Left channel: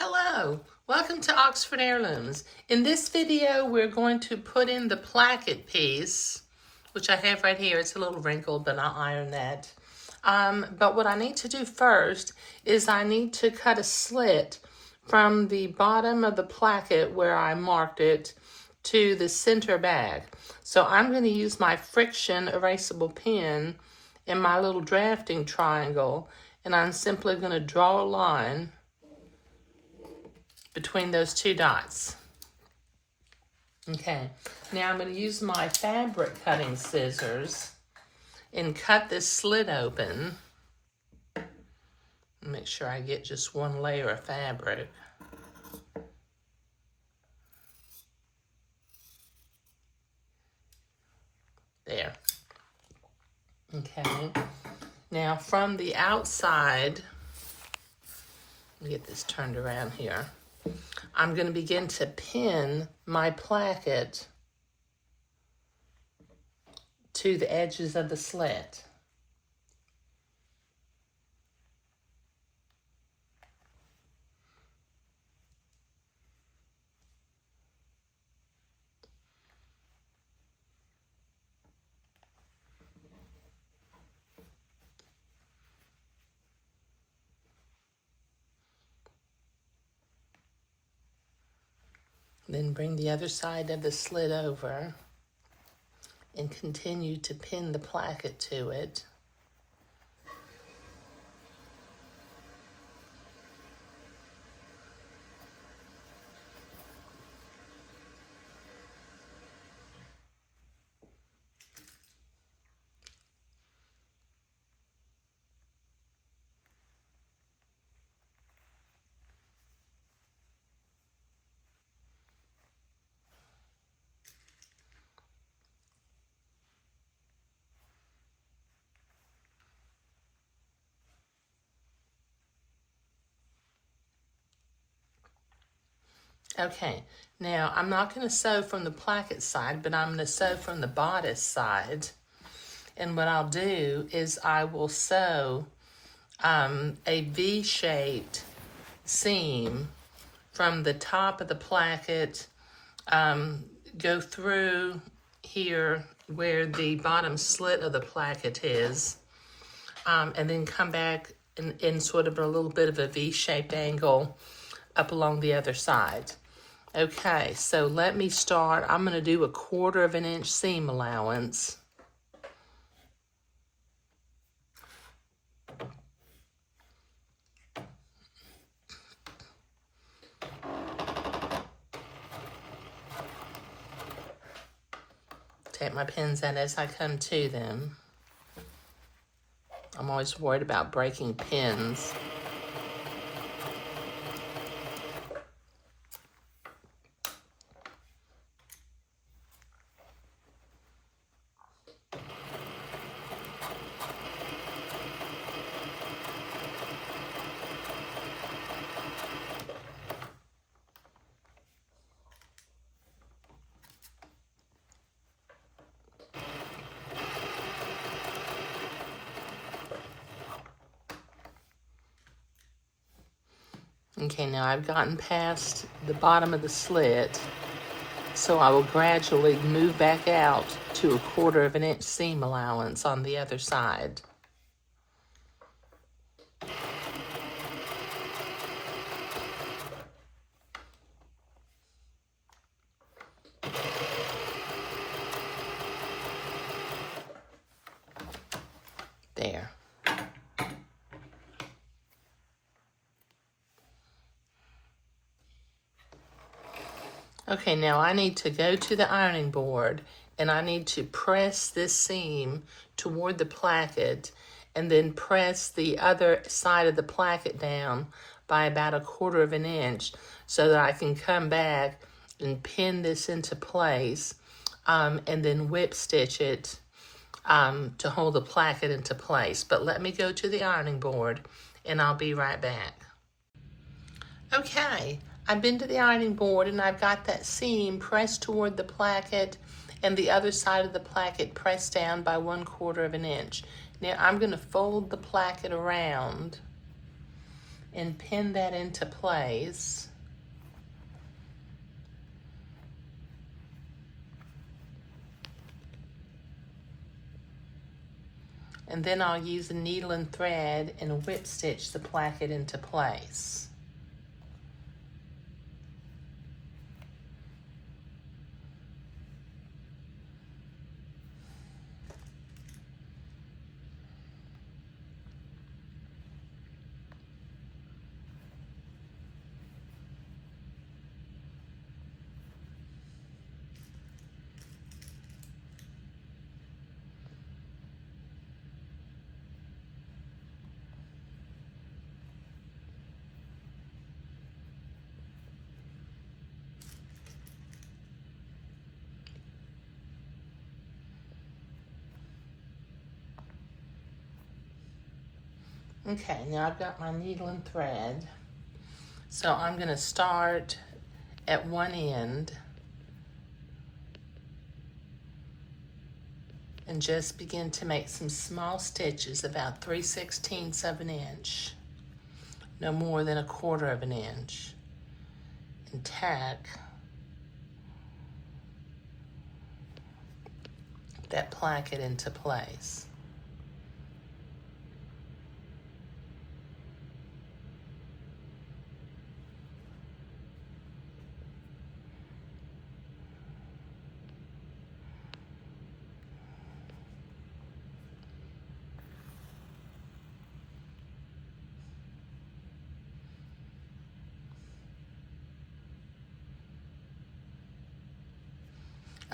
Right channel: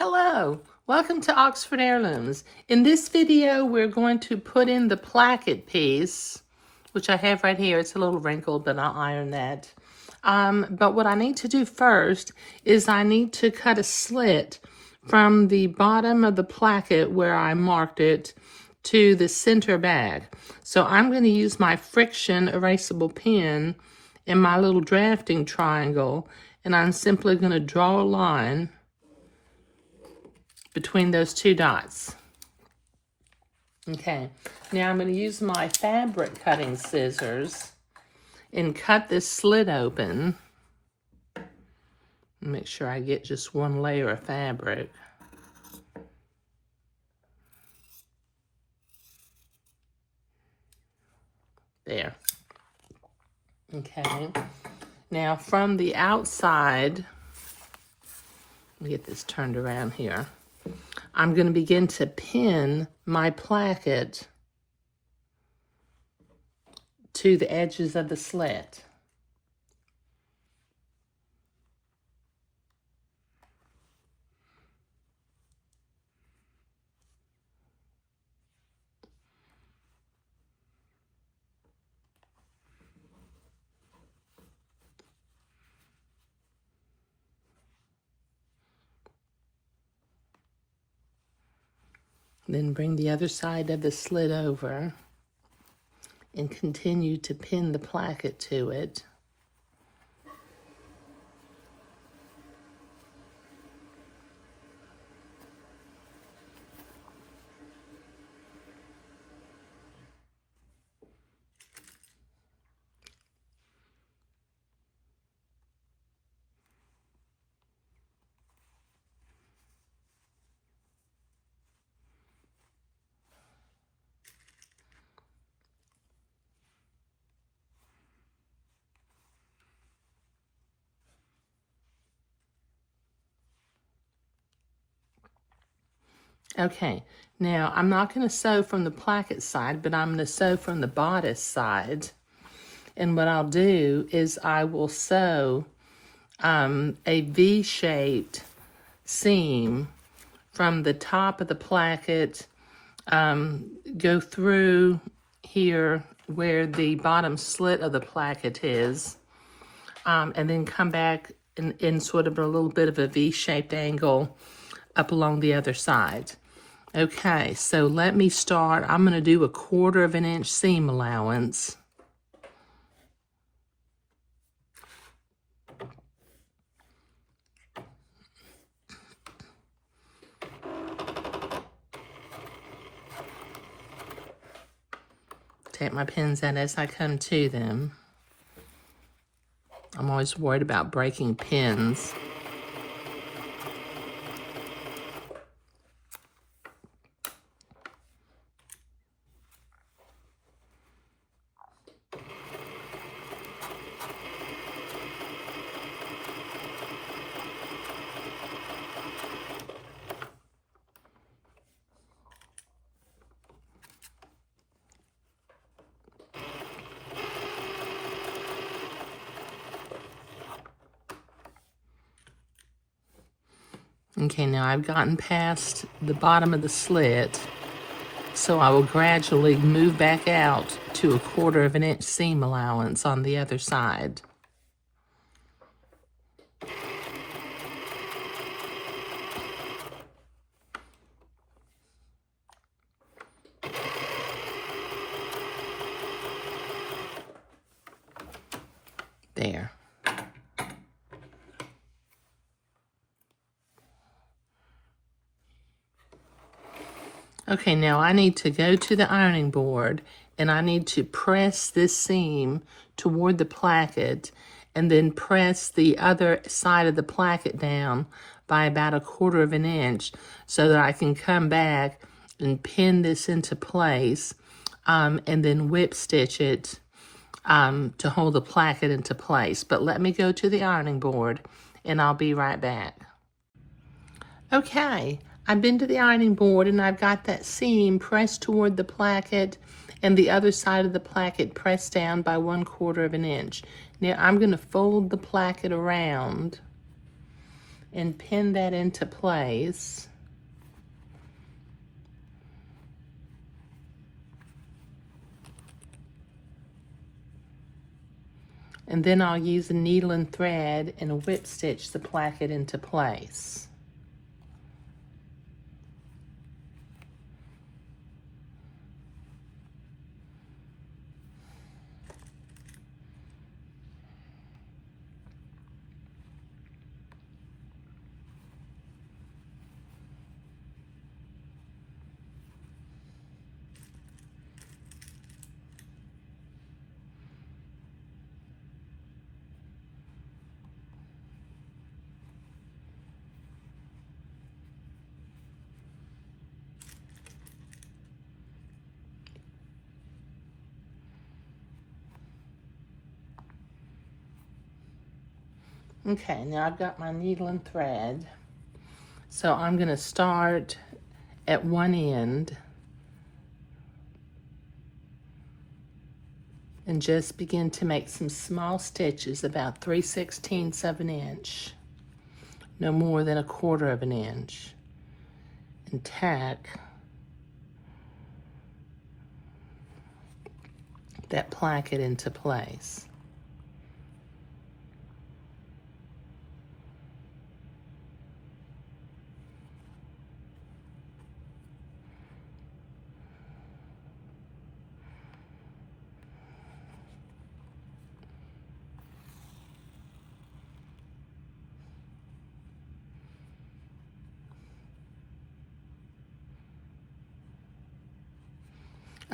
Hello, welcome to Oxford Heirlooms. In this video, we're going to put in the placket piece, which I have right here. It's a little wrinkled, but I'll iron that. But what I need to do first is I need to cut a slit from the bottom of the placket where I marked it to the center bag. So I'm going to use my friction erasable pen and my little drafting triangle, and I'm simply going to draw a line between those two dots. Okay, now I'm going to use my fabric cutting scissors and cut this slit open. Make sure I get just one layer of fabric. There. Okay, now from the outside, let me get this turned around here. I'm going to begin to pin my placket to the edges of the slit. Then bring the other side of the slit over and continue to pin the placket to it. Okay, now I'm not going to sew from the placket side, but I'm going to sew from the bodice side. And what I'll do is I will sew a V-shaped seam from the top of the placket, go through here where the bottom slit of the placket is, and then come back in sort of a little bit of a V-shaped angle up along the other side. Okay, so let me start. I'm going to do a 1/4 of an inch seam allowance. Take my pins out as I come to them. I'm always worried about breaking pins. Okay, now I've gotten past the bottom of the slit, so I will gradually move back out to a 1/4 of an inch seam allowance on the other side. There. Okay, now I need to go to the ironing board and I need to press this seam toward the placket and then press the other side of the placket down by about a 1/4 of an inch so that I can come back and pin this into place, and then whip stitch it to hold the placket into place. But let me go to the ironing board and I'll be right back. Okay, I've been to the ironing board and I've got that seam pressed toward the placket and the other side of the placket pressed down by 1/4 of an inch. Now I'm going to fold the placket around and pin that into place. And then I'll use a needle and thread and whip stitch the placket into place. Okay, now I've got my needle and thread. So I'm going to start at one end and just begin to make some small stitches about 3/16 of an inch, no more than 1/4 of an inch, and tack that placket into place.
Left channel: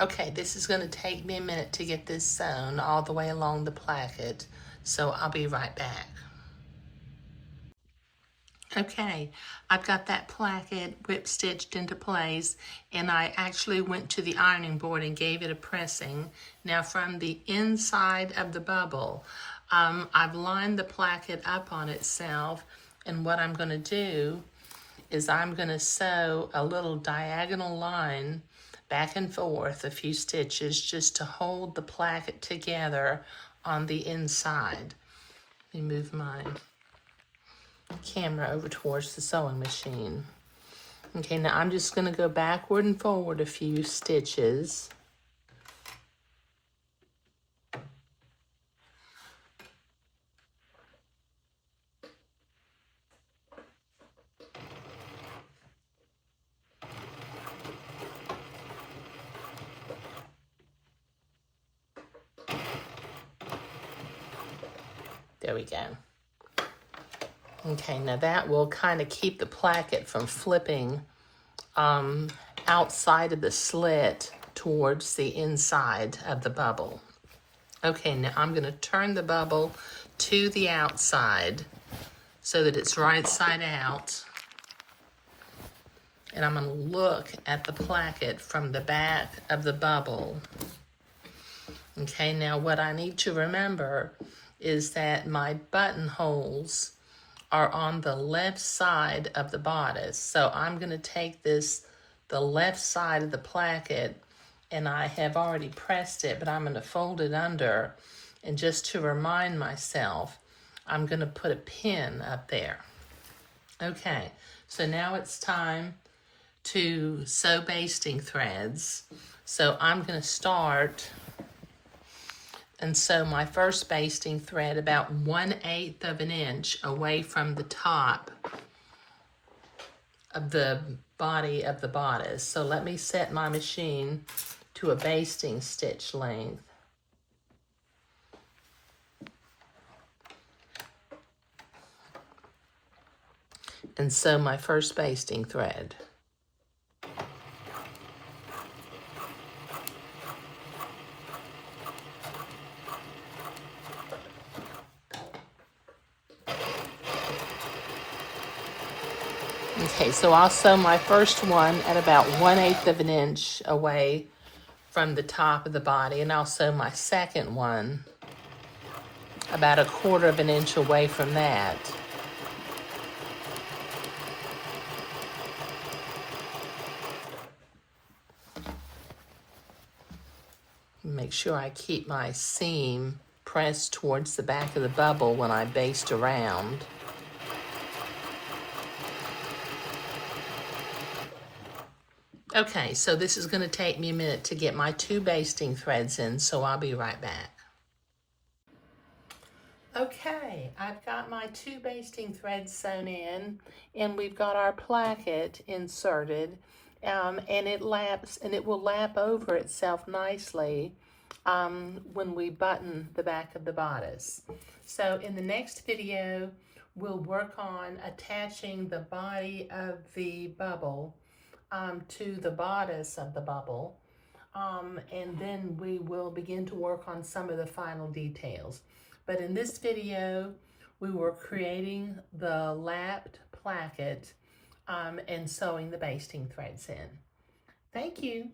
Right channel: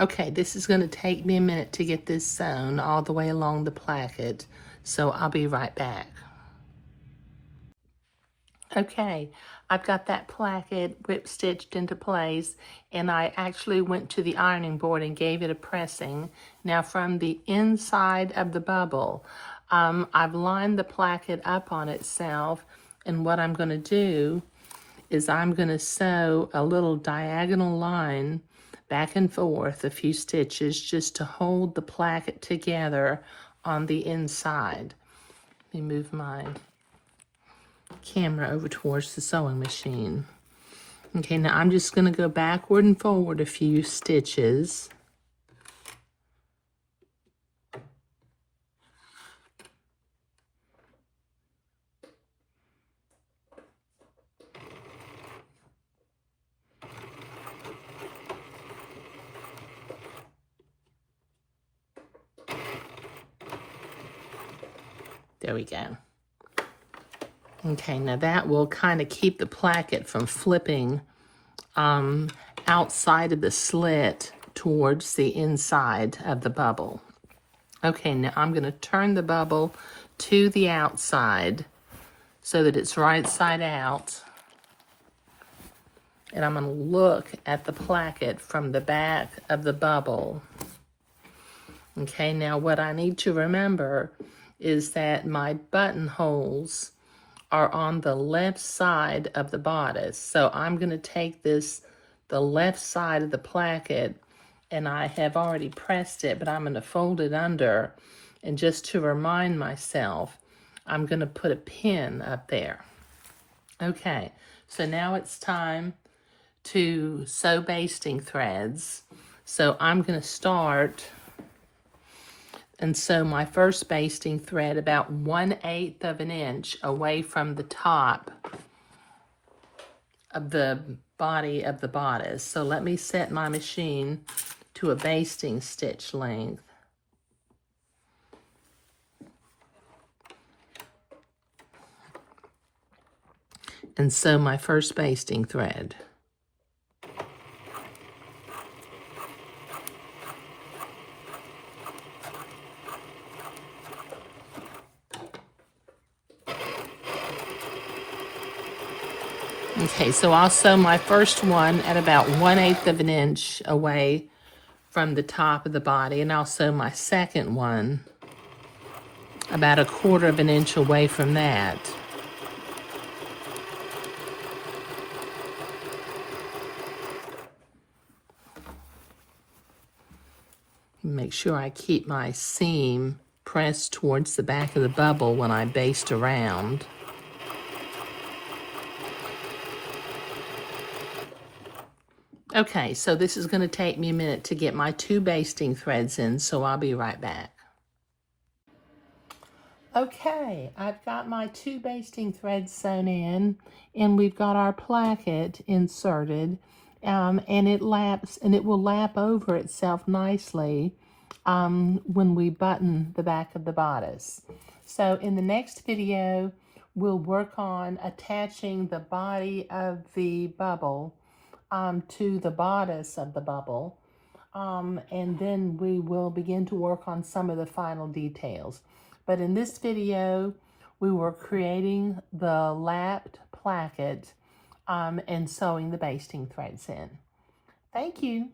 Okay, this is going to take me a minute to get this sewn all the way along the placket, so I'll be right back. Okay, I've got that placket whip stitched into place, and I actually went to the ironing board and gave it a pressing. Now from the inside of the bubble, I've lined the placket up on itself, and what I'm going to do is I'm going to sew a little diagonal line back and forth a few stitches just to hold the placket together on the inside. Let me move my camera over towards the sewing machine. Okay, now I'm just going to go backward and forward a few stitches. There we go. Okay, now that will kind of keep the placket from flipping outside of the slit towards the inside of the bubble. Okay, now I'm going to turn the bubble to the outside so that it's right side out. And I'm going to look at the placket from the back of the bubble. Okay, now what I need to remember is that my buttonholes are on the left side of the bodice. So I'm going to take the left side of the placket, and I have already pressed it, but I'm going to fold it under. And just to remind myself, I'm going to put a pin up there. Okay, so now it's time to sew basting threads. So I'm going to start and sew my first basting thread about 1/8 of an inch away from the top of the body of the bodice. So let me set my machine to a basting stitch length. And sew my first basting thread. Okay, so I'll sew my first one at about 1/8 of an inch away from the top of the body, and I'll sew my second one about 1/4 of an inch away from that. Make sure I keep my seam pressed towards the back of the bubble when I baste around. Okay, so this is going to take me a minute to get my 2 basting threads in, so I'll be right back. Okay, I've got my 2 basting threads sewn in, and we've got our placket inserted, and it will lap over itself nicely when we button the back of the bodice. So in the next video, we'll work on attaching the body of the bubble to the bodice of the bubble, and then we will begin to work on some of the final details. But in this video, we were creating the lapped placket and sewing the basting threads in. Thank you.